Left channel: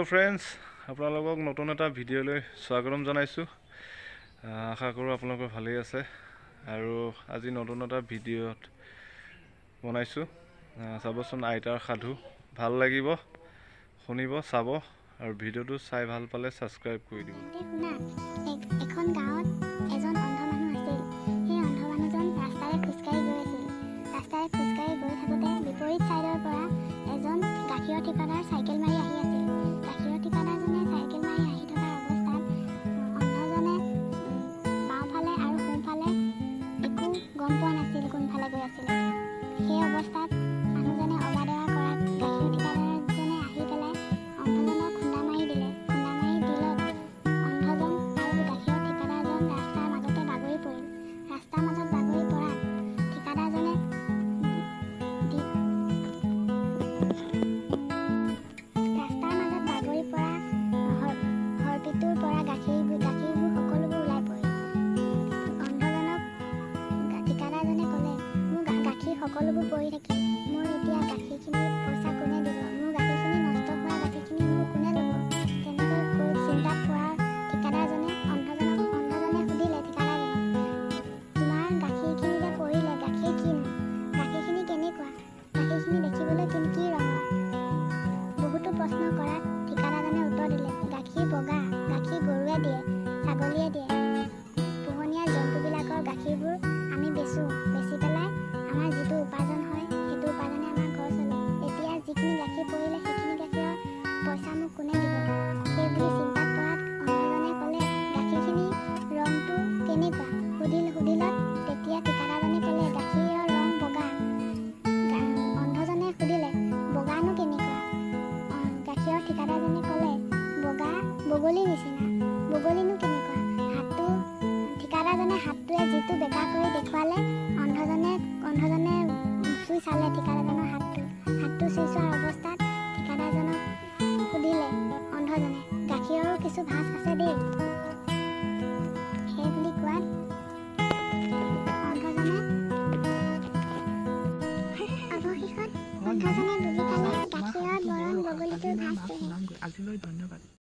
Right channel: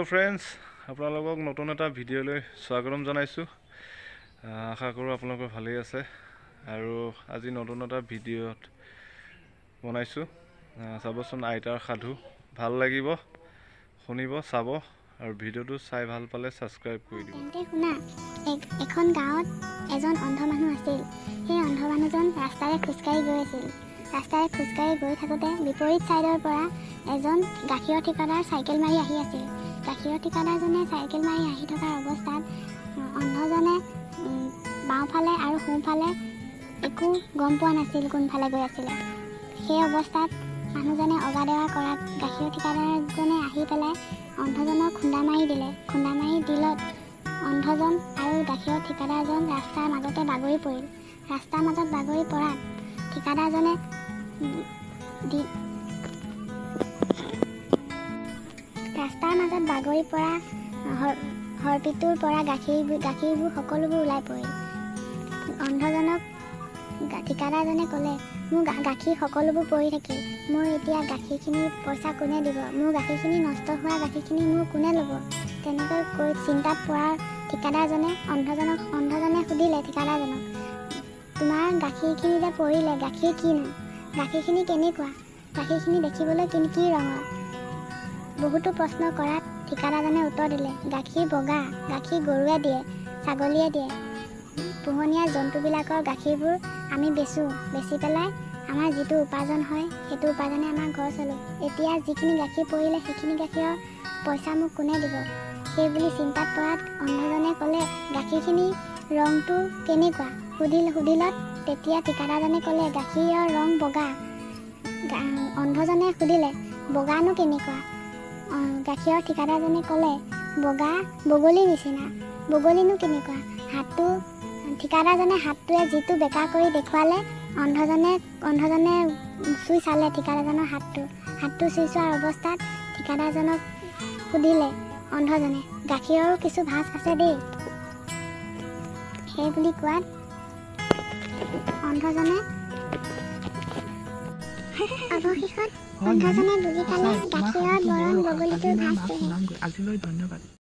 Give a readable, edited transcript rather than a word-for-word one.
Hello friends আপোনালোকক নতুন এটা ভিডিঅ'লৈ স্বাগতম জনাইছো আশা কৰো আপোনালোক ভালেই আছে আৰু আজি নতুন এটা ভিডিঅ'ত বনাইছো চাবচোন আইতাৰ সাধু ভাল লাগিব শুনিব চাব আৰু ভিডিঅ'টো চাই ভাল পালে সাবস্ক্ৰাইব কৰি দিব তেন্তে শুনা এখন গাঁৱত এজন অন্ধ মানুহ আছিল সেই অন্ধ মানুহজন ৰাস্তাৰে খোজকাঢ়ি গৈ আছিল ৰাস্তাৰে খোজকাঢ়ি গৈ থাকোঁতে বিপৰীত সাইডৰ পৰা এজন গাখীৰৰ ঠিকাদাৰ সাইকেল মাৰি আহি আছিল গাখীৰৰ ঠিকাদাৰজনে সাইকেল মাৰি আহি থকা অৱস্থাত অন্ধজনে বাওঁফালে আৰু সোঁফালে একো গম পোৱা নাছিল কোনফালে গৈ আছিল সেই অৱস্থাত মানুহজনে অবাদেৱা কৰাত গাখীৰৰ ঠিকাদাৰজনে আহি পেলাই অন্ধজনক খুন্দা মাৰি দিলত অন্ধজন আৰু গাখীৰৰ ঠিকাদাৰজন ৰাস্তাৰ মাজতে বাগৰি পৰিল ৰাস্তাৰ মাজত বাগৰি পৰাত ঠিকাদাৰজনে ৰাস্তাৰ মাজত বাগৰি পৰা হৰপিটোৰ পৰা গাখীৰবোৰ সকলোবোৰ ওলাই পৰিল অন্ধজনক ঠিকাদাৰজনে ক'লে মোৰ গাখীৰ সকলোবোৰ পৰি থাকিল মোৰ এতিয়া গাখীৰখিনি পইচা কোনে দিব মোৰ গাখীৰখিনি নষ্ট হোৱা গাখীৰখিনি মোৰ কোনে ল'ব তেনেকৈ কৈ চিন্তাত পৰাৰ ঠিকাদাৰজনে অন্ধজনে সুধিলে ঠিকাদাৰজনক তোমাৰ গাখীৰখিনি যে পৰিলে গাখীৰ কিনো গাখীৰখিনি কেনেকুৱা গাখীৰখিনি দেখিবলৈ কি ৰঙৰ বহুতো প্ৰশ্ন কৰাত ঠিকাদাৰজনে উত্তৰ দিলে গাখীৰ বগা গাখীৰ গৰুৱে দিয়ে ছাগলীয়ে দিয়ে পোহনীয়া জন্তুবিলাকৰ গাখীৰবোৰ আমি বেচি পেলাই আমাৰ যিটো উপাৰ্জন হয় সেইটো উপাৰ্জনে আমাৰ ঘৰ চলোঁ এতিয়া যিখিনি গাখীৰ পৰিলে সেইখিনি গাখীৰৰ পইচা মোক কোনে দিব সেই বুলি চিন্তাত পৰাত অন্ধজনে ক'লে গাখীৰখিনি ৰংটো কেনেকুৱা সুধিলত তেতিয়া ঠিকাদাৰজনে ক'লে গাখীৰৰ ৰং বগা অন্ধজনে সুধিলে বগানো কেনেকুৱা গাখীৰৰ ঠিকাদাৰজনে ক'লে বগলী নিচিনা বগলীনো কেনেকুৱা হাতটো ঠিকাদাৰজনে হাতটোৱে যিটো বেকা কৰি দেখুৱালে অন্ধজনে চুই চালে ঠিকাদাৰজনৰ হাতটো চুই চোৱাৰ অৱস্থাত ঠিকাদাৰজনক সুধিলে অন্ধজনে গাখীৰৰো কিছু ভাঁজ আছে দেই সেই বুলি কোৱাত অন্ধজনে অৱশেষত অন্ধজনে বুজি পালে গাখীৰৰ বৰণ বগলীটোৰ ভাঁজ আজিলৈ ধন্যবাদ।